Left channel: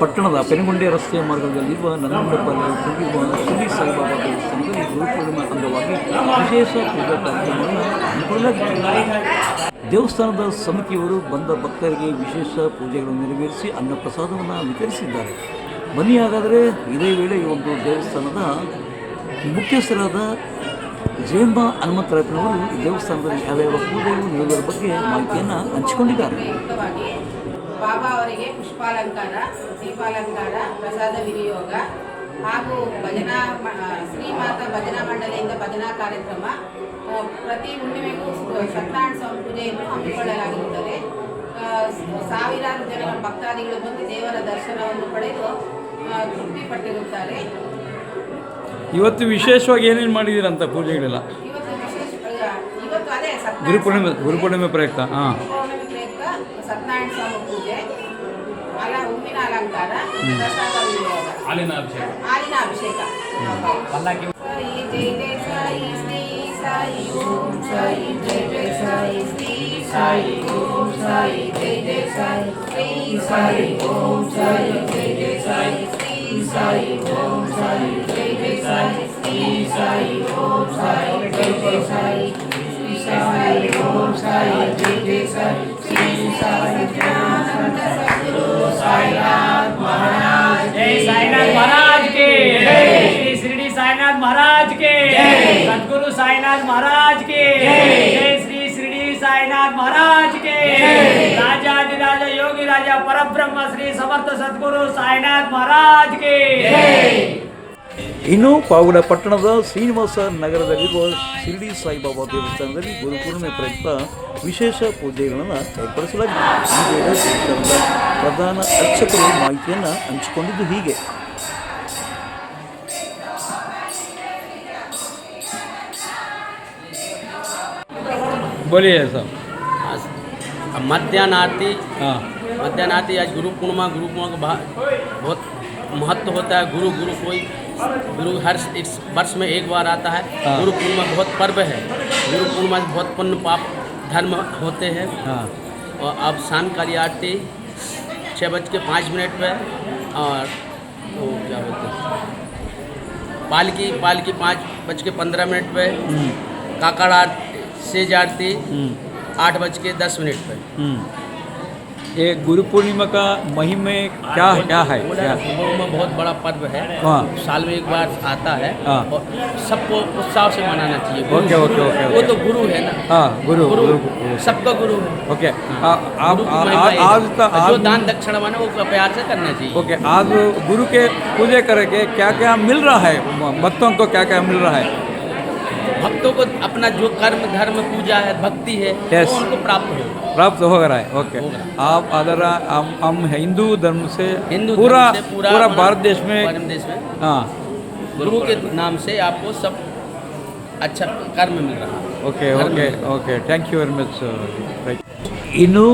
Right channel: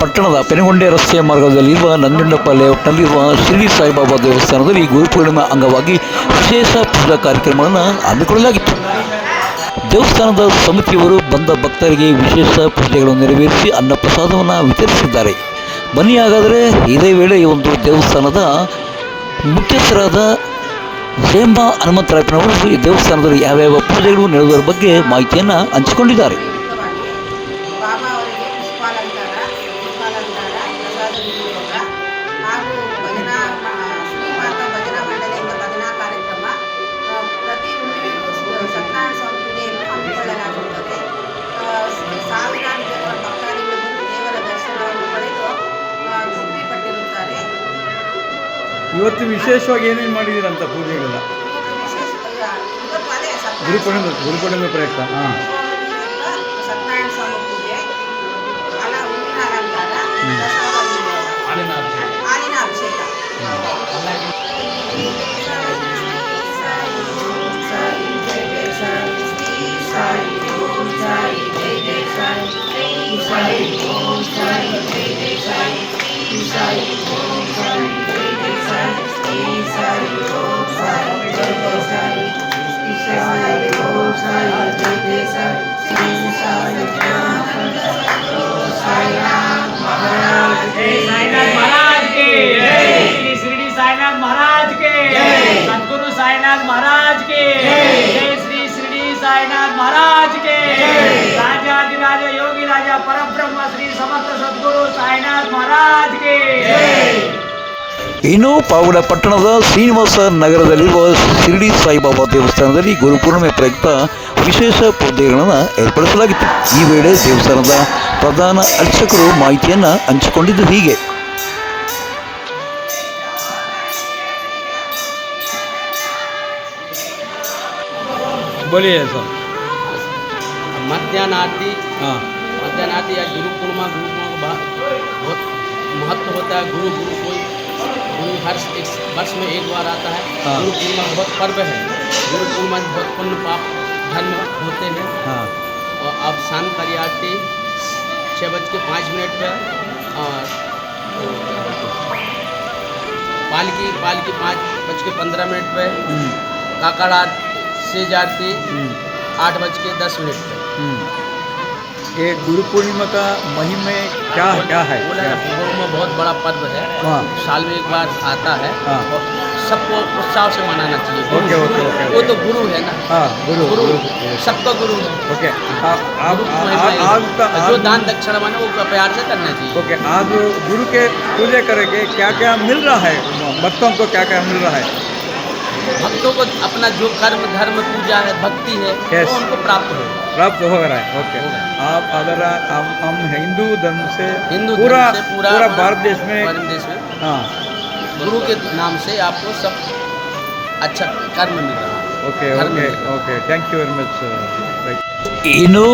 ಪಟ್ಟಣದ ಪೆನುಗೊಂಡೆ ರಸ್ತೆಯ ಮಾರ್ಗದಲ್ಲಿರುವ ನಂಜುಂಡಪ್ಪ ಲೇಔಟ್ನಲ್ಲಿರುವ ಶಿರಡಿ ಸಾಯಿಬಾಬಾ ದೇವಸ್ಥಾನದಲ್ಲಿ ಗುರುಪೂರ್ಣಿಮೆ ಅಂಗವಾಗಿ ವಿಶೇಷ ಪೂಜಾ ಕಾರ್ಯಕ್ರಮವನ್ನು ಹಮ್ಮಿಕೊಳ್ಳಲಾಗಿತ್ತು. ದೇವಸ್ಥಾನದ ಸಮಿತಿಯವರು ಬಂದ ಭಕ್ತರಿಗೆ ವಿಶೇಷ ಪೂಜೆಗಳನ್ನು ನೆರವೇರಿಸಿ ಅನ್ನಪ್ರಸಾದವನ್ನು ವಿತರಿಸಿದ್ದಾರೆ. ಬನ್ನಿ ಹಾಗಾದರೆ ಇದೇ ವೇಳೆ ಈ ಒಂದು ದೇವಸ್ಥಾನದ ಮುಖ್ಯಸ್ಥರಾದ ಜಯಂಬಾ ಹನುಮಂತರಾಯಪ್ಪನವರು ಈ ದೇವಸ್ಥಾನದಲ್ಲಿ ಯಾವ್ಯಾವ ಪೂಜೆಗಳು ನಡೆಯುವುದರ ಬಗ್ಗೆ ಮಾಹಿತಿಯನ್ನು ಹಂಚಿಕೊಂಡಿದ್ದಾರೆ. ಬಾಬಾ ಅವರಿಗೆ ಪುಷ್ಪಾಲಂಕಾರ ಪ್ರಸಾದ ವಿನಿಯೋಗ ಹಾಗೂ ಭಜನಾ ಶ್ರೀಮಾತಾ ಭಜನಾ ಮಂಡಳಿಯಿಂದ ಭಜನಾ ಕಾರ್ಯಕ್ರಮ, ಪ್ರತಿ ಹುಣ್ಣಿಮೆಗೂ ಸತ್ಯನಾರಾಯಣ ಸ್ವಾಮಿ ಪೂಜೆಯನ್ನು ಹಮ್ಮಿಕೊಳ್ಳಲಾಗಿರುತ್ತದೆ. ಸಾವಿರಾರು ಜನ ಭಕ್ತಾದಿಗಳು ಬಂದು ದೇವರ ದರ್ಶನವನ್ನು ಪಡೆದು ತೃಪ್ತಿಪಟ್ಟಿರುತ್ತಾರೆ. ಇವತ್ತು ವಿಶೇಷವಾಗಿ ಏನೇನು ಮಾಡಿದ್ದೀರಂತ ಪೂಜೆಗಳೆಲ್ಲ? ಗುರುಪೂರ್ಣಿಮೆ ಪ್ರಯುಕ್ತ ಸತ್ಯನಾರಾಯಣ ಸ್ವಾಮಿ ಪೂಜೆ, ಹೂವಿನ ಅಲಂಕಾರ, ಪ್ರಸಾದ ವಿನಿಯೋಗ, ಹಾಲಿನ ಅಭಿಷೇಕ. महाराज के, सद्गुरु साईनाथ महाराज के, जय श्री शिरडी साईनाथ महाराज के, राजाधिराज योगी राजा परब्रह्म श्री समर्थ सद्गुरु साईनाथ महाराज के. ಇನ್ನು ಪಾವಗಡ ಪಟ್ಟಣದ ಶ್ರೀನಿವಾಸ ನಗರದಲ್ಲಿರುವ ಶಿರಡಿ ಸಾಯಿಬಾಬಾ ದೇವಸ್ಥಾನದಲ್ಲಿ ಗುರುಪೂರ್ಣಿಮೆ ಪ್ರಯುಕ್ತ ವಿಶೇಷ ಪೂಜೆಗಳನ್ನು ಏರ್ಪಡಿಸಲಾಗಿತ್ತು. ಈ ವೇಳೆ ದೇವಸ್ಥಾನದ ಪ್ರಧಾನ ಅರ್ಚಕರು ಮಾಹಿತಿಯನ್ನು ಹಂಚಿಕೊಂಡಿದ್ದು ಹೀಗೆ. बोलिए सर. मध्याह्न आरती या गुरु पूर्णिमा का बहुत महत्व होता है. गुरु कोई गुरु हर एक वर्ष में एक बार आता है. गुरु पूर्णिमा बहुत पर्व है. गुरु पूर्णिमा से बहुत पुण्य पाप धर्म होते हैं. और अब शाम का आरती 6:05 पे और पालकी 5:15 पे, काकड़ सेज आरती 8:10 पे. ये गुरु पूर्णिमा का महिमा क्या है? गुरुपूर्णिमा बहुत बड़ा पर्व है. साल में एक बार आता है और सबको उत्साह से मनाना चाहिए. वो तो गुरु है ना. गुरु सबका गुरु है. ओके. जो दान दक्षिणा माने वो प्यार से करना चाहिए. ओके. आज गुरु के पूजा करके क्या क्या मिल रहा है भक्तों को? क्या क्या मिल रहा है भक्तों को? अपना जो कर्म धर्म पूजा है भक्ति है वो उनको प्राप्त हो रहा है. ओके. आप अगर हम हिंदू धर्म से पूरा भारत देश में गुरु के नाम से आपको सब अच्छा कर्म मिल रहा है. Okay. Thank you very much. ಇನ್ನು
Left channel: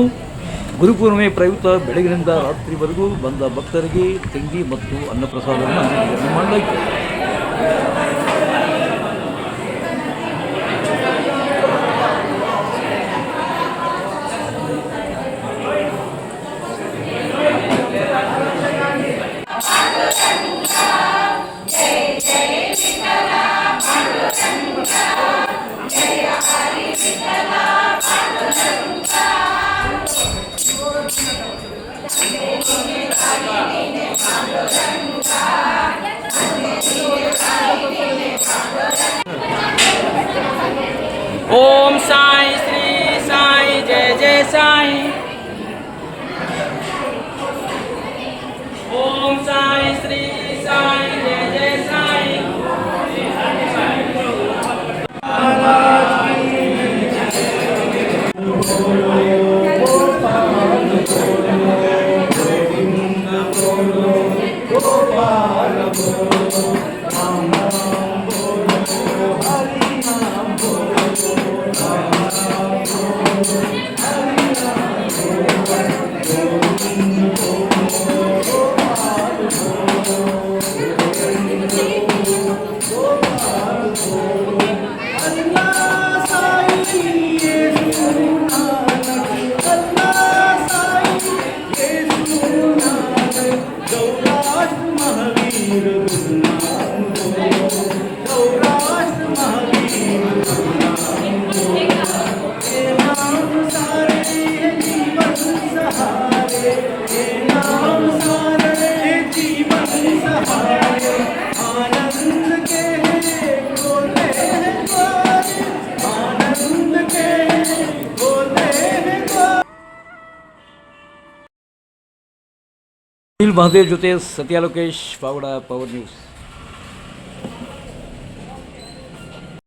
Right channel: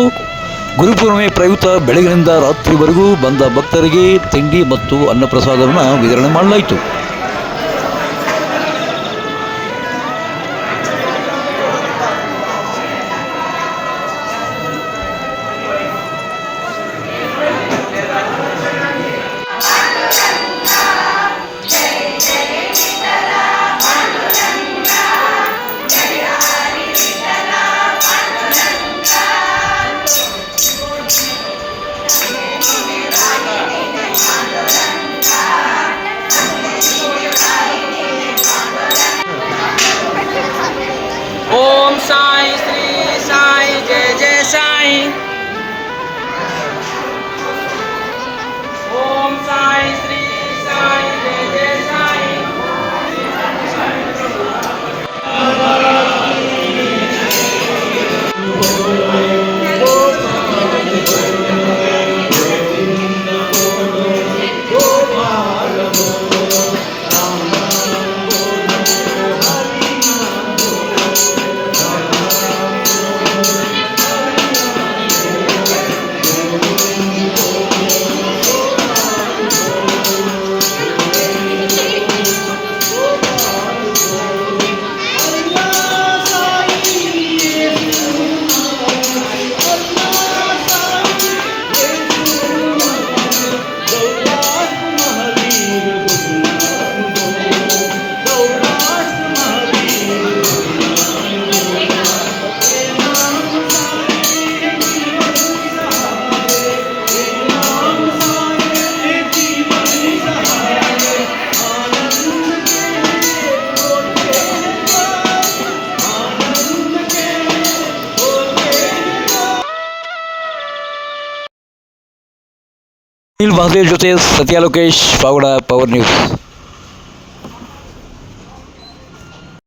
ಗುರುಪೂರ್ಣಿಮೆ ಪ್ರಯುಕ್ತ ಬೆಳಗಿನಿಂದ ರಾತ್ರಿವರೆಗೂ ಬಂದ ಭಕ್ತರಿಗೆ ತಿಂಡಿ ಮತ್ತು ಅನ್ನಪ್ರಸಾದವನ್ನು ವಿತರಣೆ ಮಾಡಲಾಯಿತು. ಇಲ್ಲಿ ಮಹದೇವ್ ಜೊತೆ ಸತ್ಯ ಲೋಕೇಶ್ ಪಾವಡ ಪವರ್ ನ್ಯೂಸ್.